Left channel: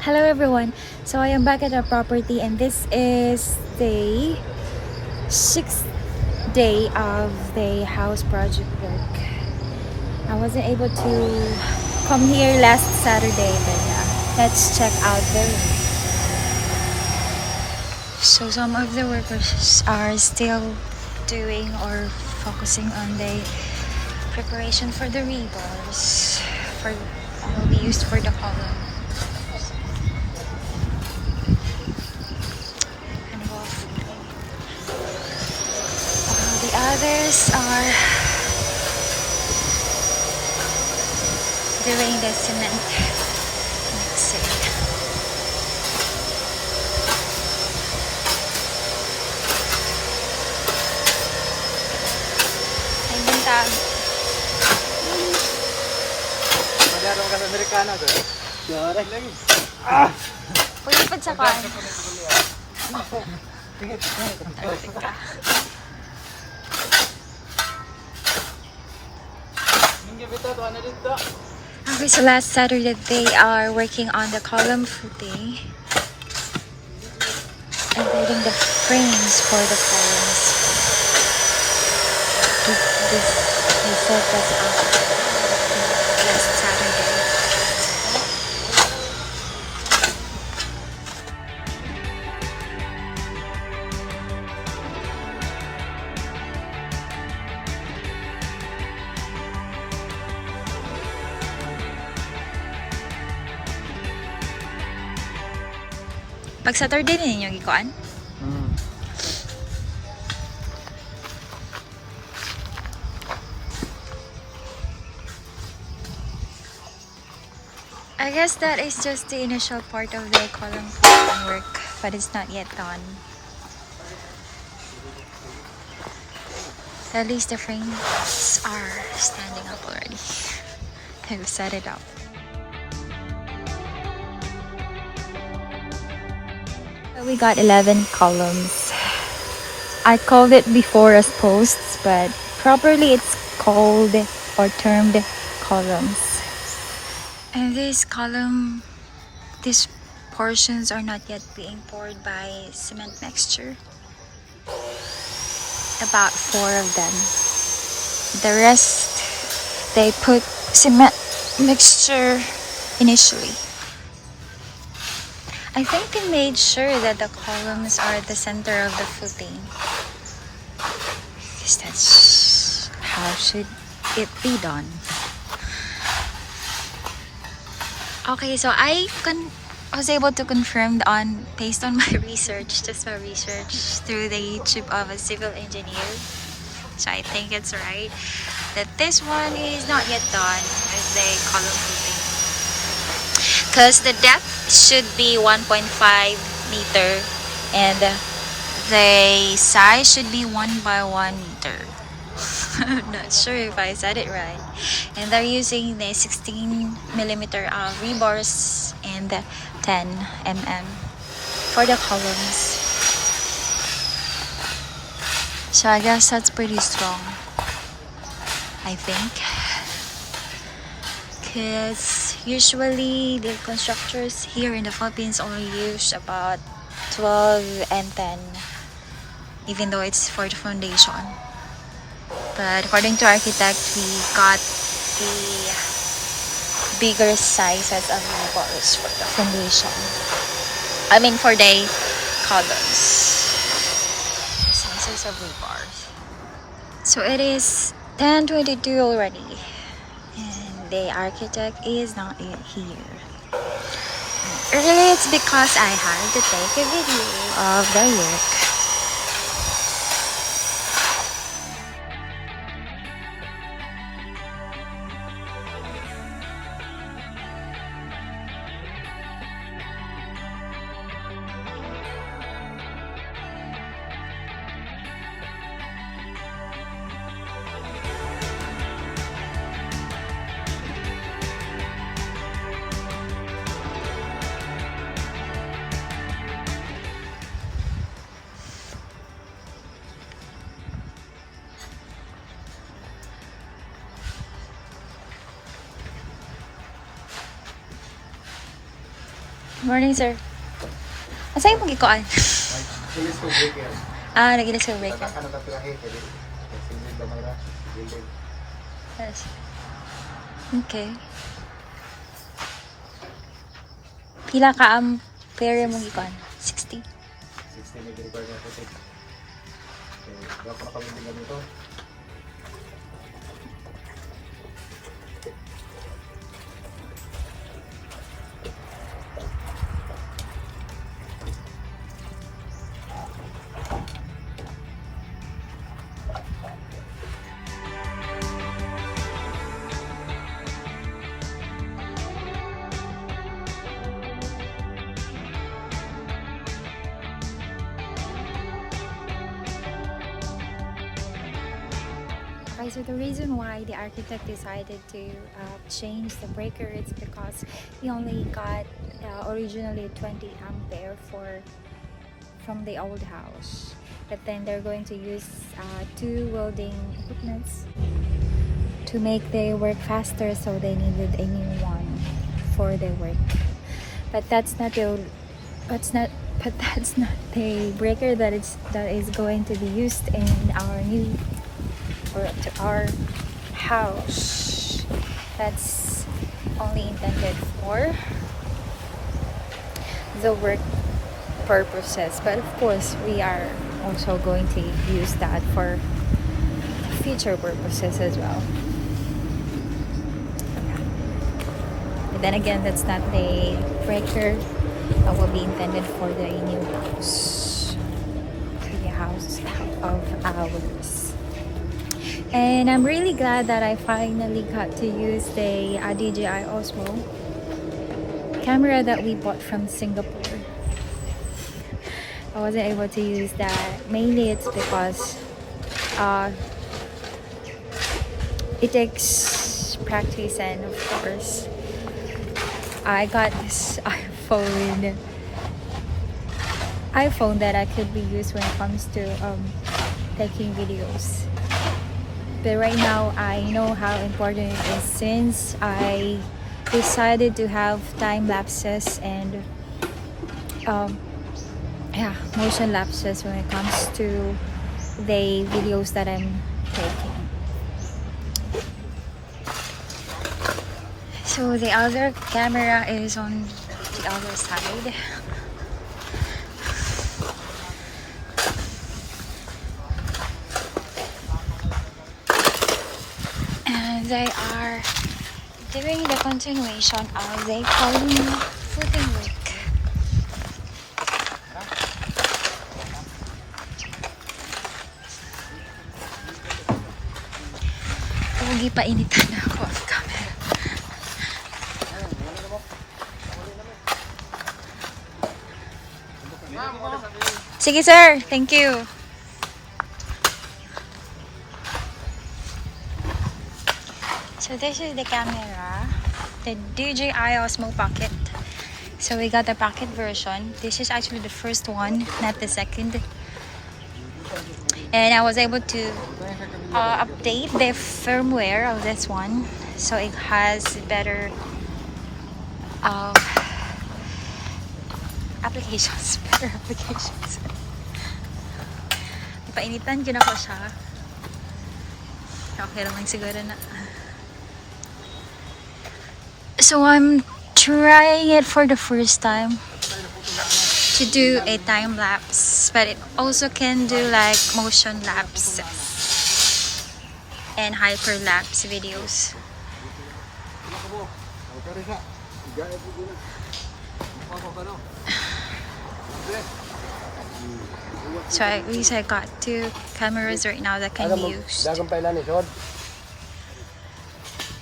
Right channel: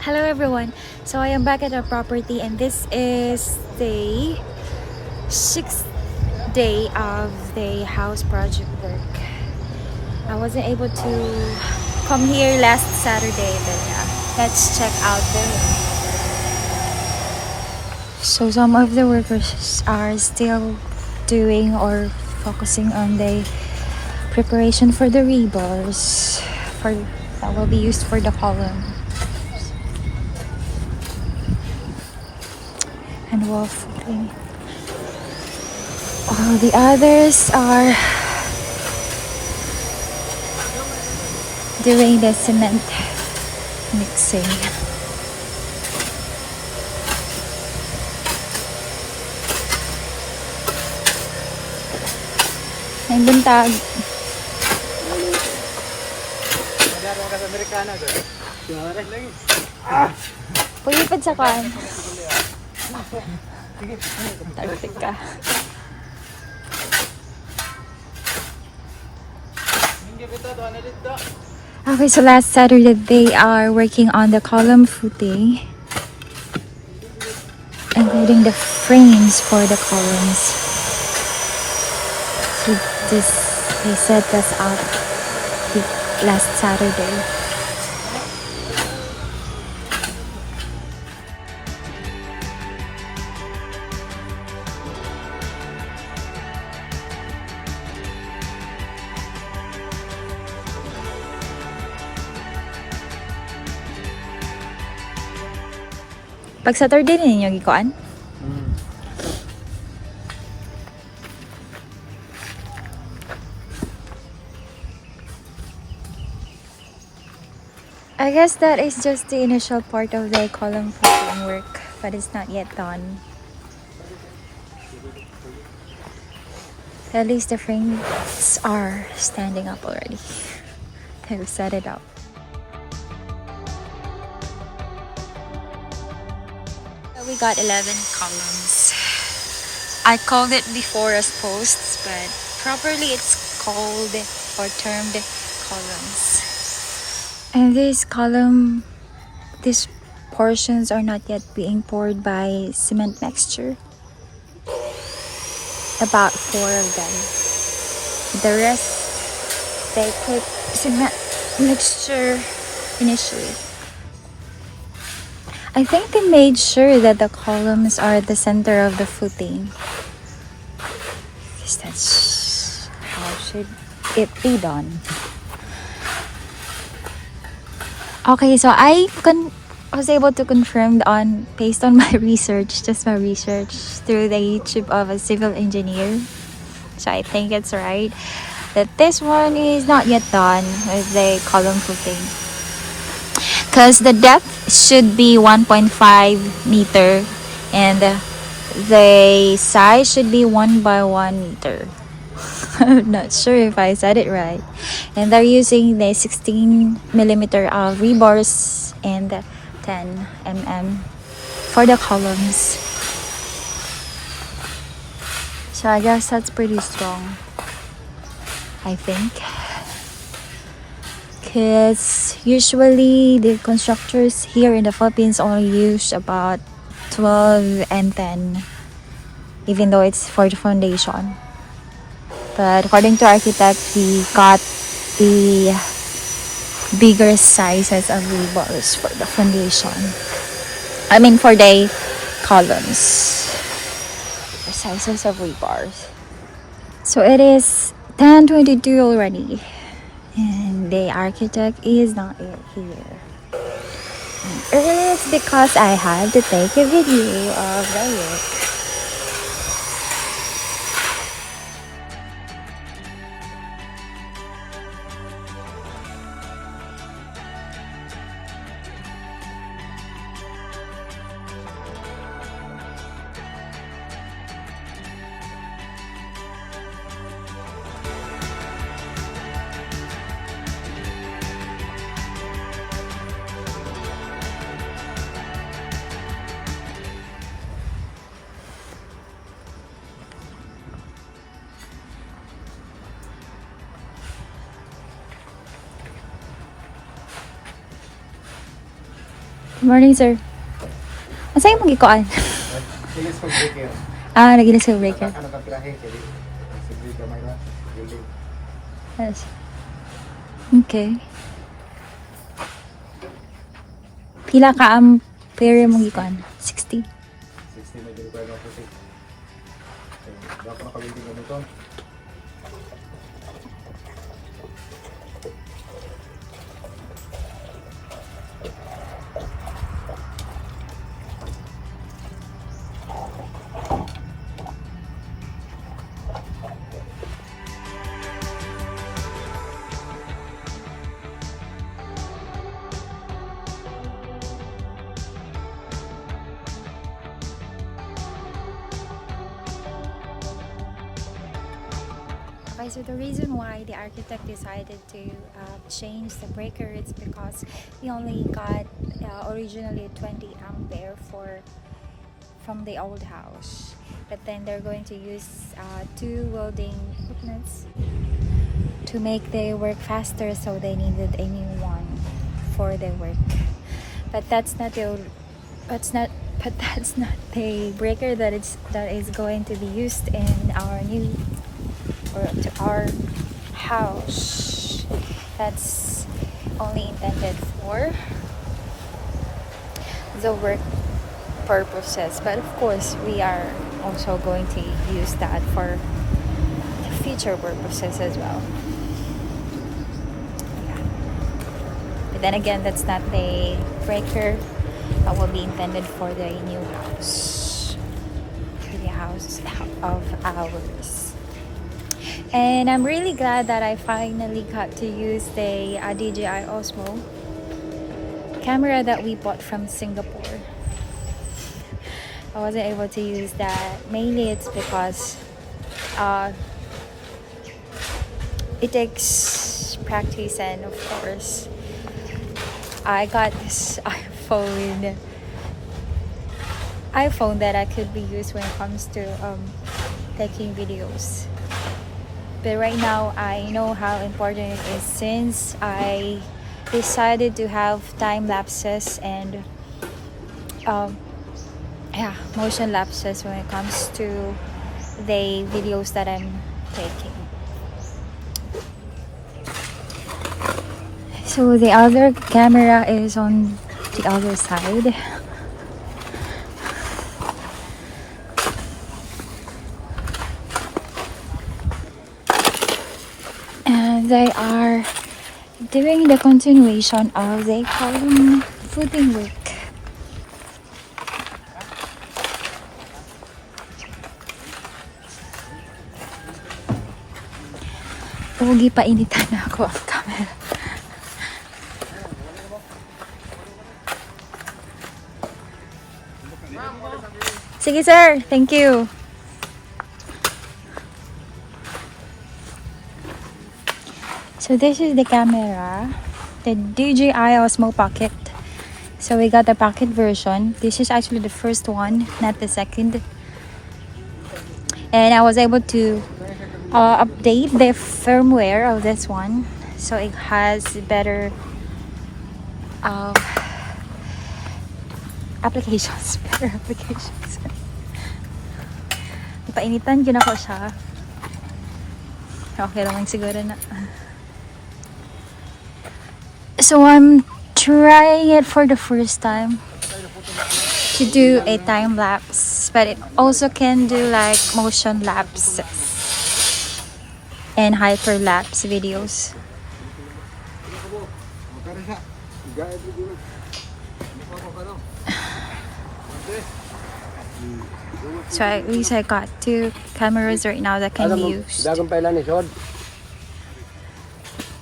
Hello everyone. So I am back at our property and this is the 6th day of the house project work. I wasn't able to come here last Saturday, but yeah, let's check out the room. So some of the workers are still doing or focusing on the preparation for the rebars for that will be used for the column. And wolf. All the others are doing the cement mixing. Ang buntag. Pagipad sa kwan. Talsik ka. Okay, so last Saturday they are working on the column footing and building the frames for the columns. They set this up last Saturday. Pag Saturday ninyo gikuan? I guess that is just the initial part of the column footing work, but it's not yet done. At least the frames are standing up already. They've set it up. We got 11 columns. I called it before as posts, but properly it's called or termed columns. And these portions are not yet being poured by cement mixture. About 4 of them. The rest, they put cement mixture initially. I think they made sure that the columns are at the center of the footing. Because that's how should it be done. Okay, so I was able to confirm based on my research, just my research through the YouTube of a civil engineer. So I think it's right that this one is not yet done with the column footing. Because the depth should be 1.5 meter and the size should be 1 by 1 meter. I'm not sure if I said it right. And they're using the 16 millimeter of rebars and 10 mm for the columns. So I guess that's pretty strong, I think. Because usually the constructors here in the Philippines only use about 12 and 10, even though it's for the foundation. But according to architect, we got the bigger sizes of rebars for the foundation. I mean for the columns. The sizes of rebars. So it is 10:22 already. And the architect is not yet here. Early it's because I had to take a video of the work. Morning, sir. Asa yung magikuan? Nag-ilis ko breaker. Nagilis yung breaker. Nagkaka nakapirahe. Kaya sigrid ba may na? Building. Yes. Okay. Pila ka ang player mong gikuan? 60? 60 may require na 6. Kaya ako nakawinding na nito. Okay, so the reason why the architect decided to change the breaker is because he only got originally 20 ampere from the old house, but then they're going to use two welding equipments to make their work faster, so they needed a new one for their work. But that's not the breaker that is going to be used in our new or to our house. That's only intended for the work purposes, but of course we are also going to use that for future purposes as well. Okay. But then again, that's not the breaker that will be intended for the new house, for the house of ours. And I'm really glad that I finally got to use the DJI Osmo camera that we bought from Singapore. I wasn't able to use that. Mainly it's because it takes practice, and of course I got this iPhone that I could be used when it comes to taking videos. But right now I know how important it is, since I decided to have time lapses and motion lapses when it comes to the videos that I'm taking. So the other camera is on the other side. And they are doing the continuation of the column footing work. Pogi pa initan na ako ang camera. Sige sir, thank you. So this is the camera, the DJI Osmo Pocket. So we got the pocket version. This is actually the first one, not the second. And I was able to update the firmware of this one, so it has better applications. Better applications. Painitan ko na ko siya. Okay naman siguro na. So I'm trying it for the first time to do a time lapse, but it also can do like motion lapse and hyperlapse videos. So at least I got two cameras right now that can be used.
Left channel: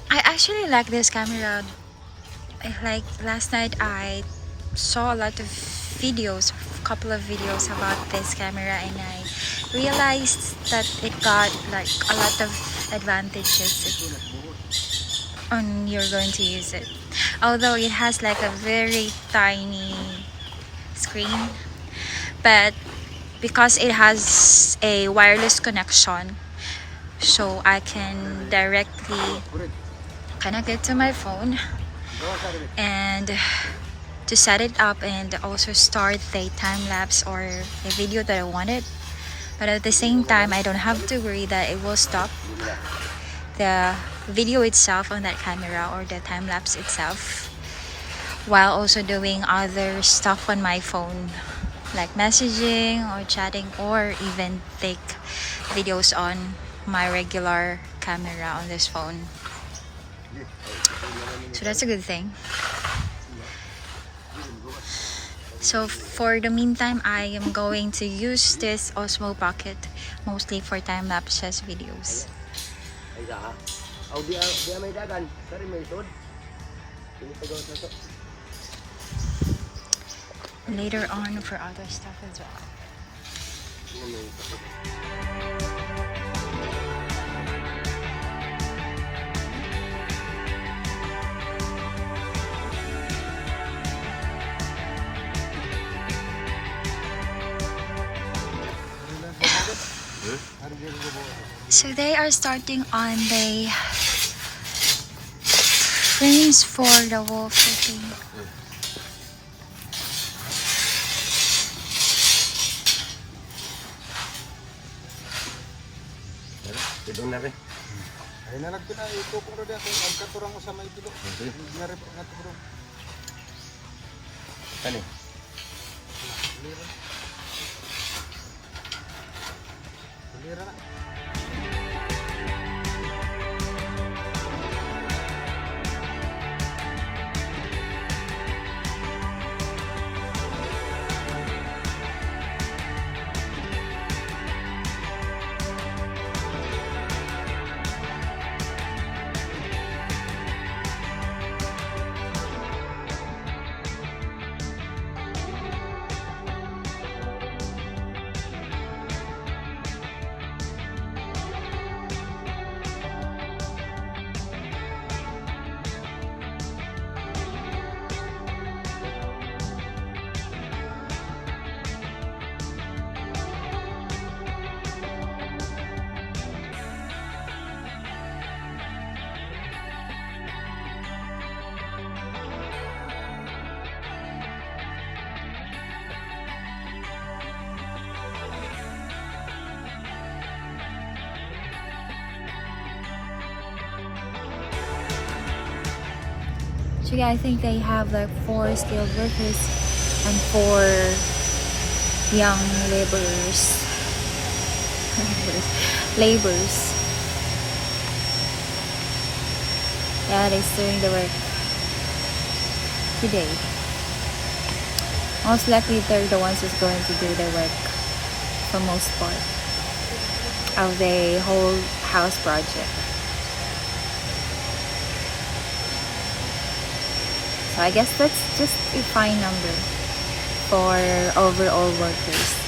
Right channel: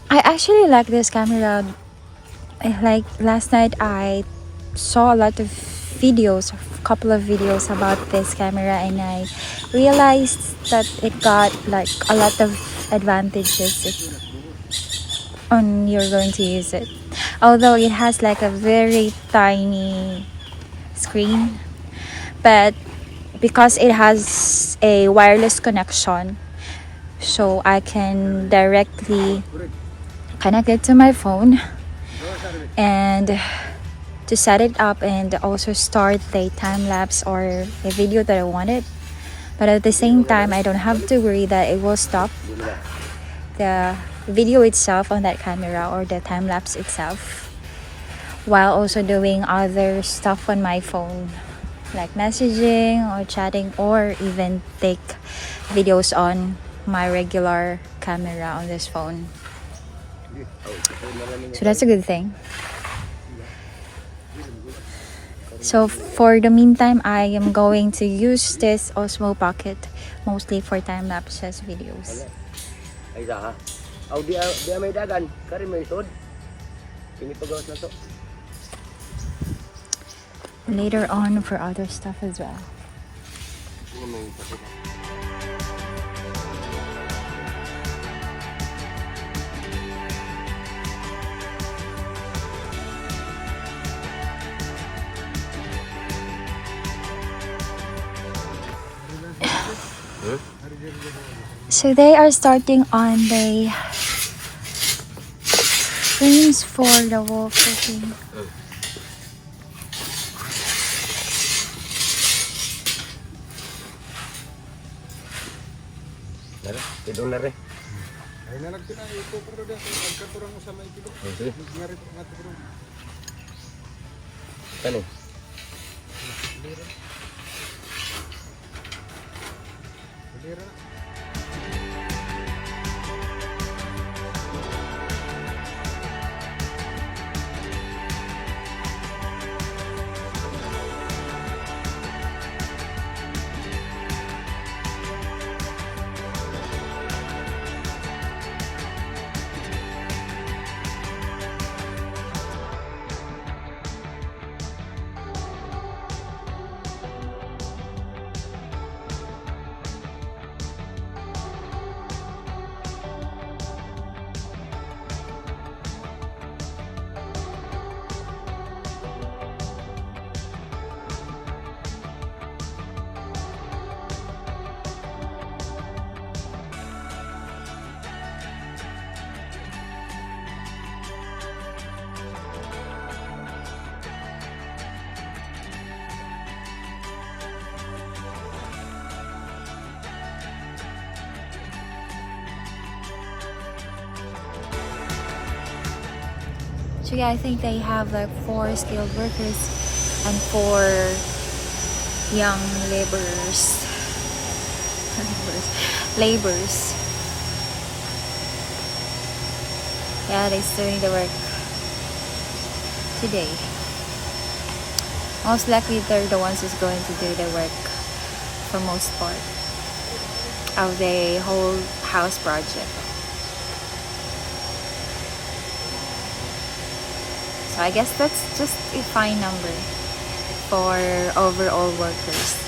I actually like this camera. Like last night I saw a lot of videos, a couple of videos about this camera, and I realized that it got like a lot of advantages on you're going to use it. Although it has like a very tiny screen, but because it has a wireless connection, so I can directly connect it to my phone and to set it up and also start the time lapse or a video that I wanted. But at the same time, I don't have to worry that it will stop the video itself on that camera or the time lapse itself, while also doing other stuff on my phone, like messaging or chatting, or even take videos on my regular camera on this phone. So that's a good thing. So for the meantime, I am going to use this Osmo Pocket mostly for time lapses videos. Ay ha. Aw di may dagan, kari may sod. Ini pagawas na to. Later on for other stuff as well. Ano may pakita. So they are starting on the frames for the wall footing. Tara, tidong na rin. Ay na nagpina ito ko ro dia pagkaturang mo sa may pito. Okay. Di na rin naturo. Kani. Dira na. So yeah, I think they have like 4 skilled workers and 4 young laborers. Laborers. Yeah, they're doing the work today. Most likely they're the ones who's going to do the work for most part of the whole house project. So I guess that's just a fine number for overall workers.